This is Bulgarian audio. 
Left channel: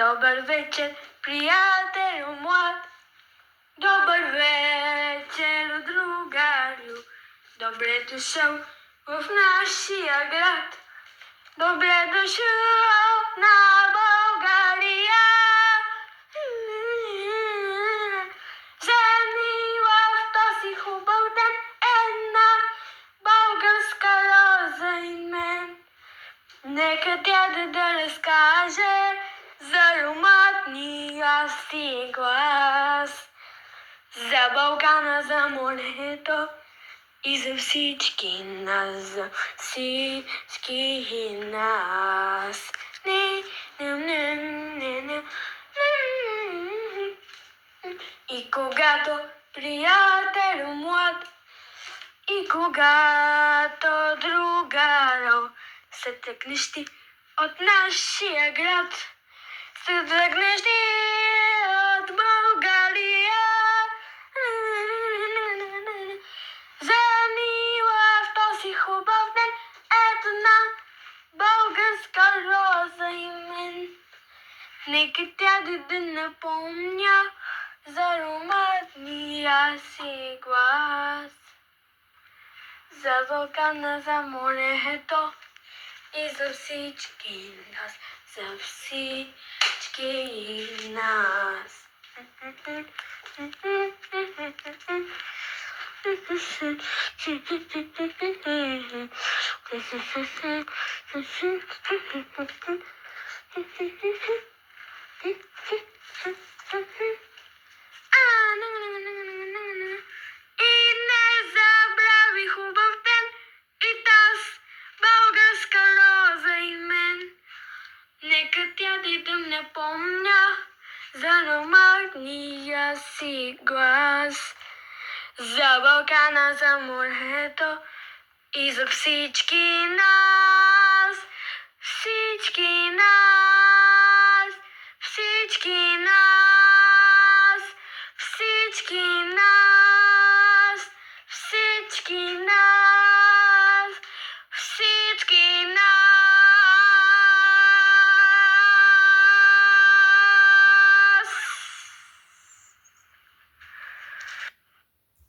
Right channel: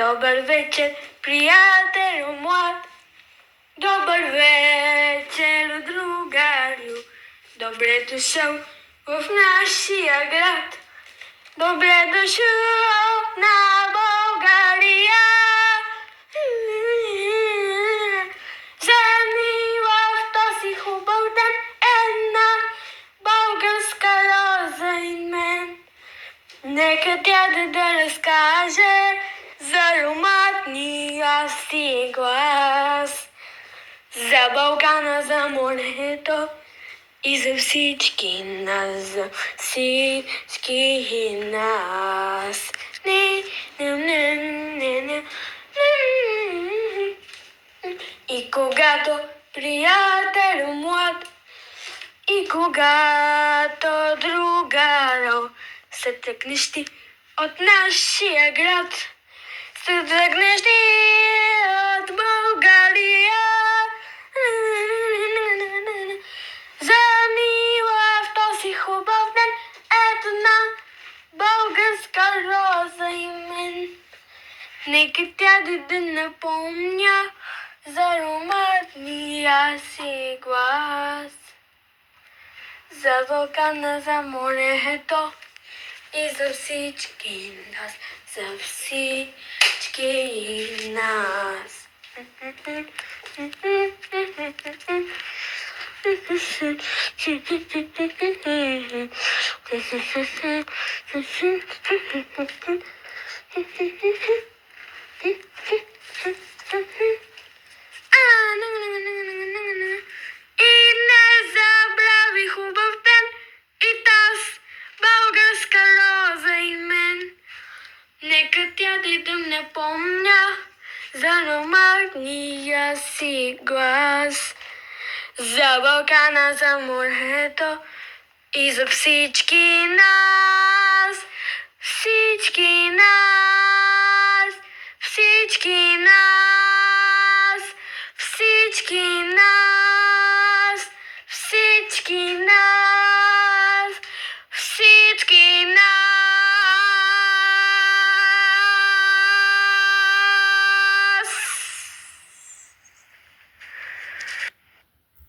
Dober večer, prijatelju moj. Dober večer, drugarju. Dobre došel v naš grad. Dobre došel na Bolgarija. Zanimivo, to si hubal dan ena bolgarska roza in men. Neka ti da razkaže zaromatnija si glas. Za Balkana, za moneto i za всички нас, за всички нас. И когато приятел млад, и когато другаро се тръгнеш ти от нашия град, се тръгнеш ти от България. За мила в този хубав ден една българска роза и мен. Нека тя да напомня за ароматния си глас. За вулкана, за морето и за всички нас, за всички нас. И не забрави хубав ден и таз българска роза и мен. Нека тя да не помня за ароматния си глас. За Балкана, за морето и за всички нас. Всички нас. Всички нас. Всички нас. Всички нас.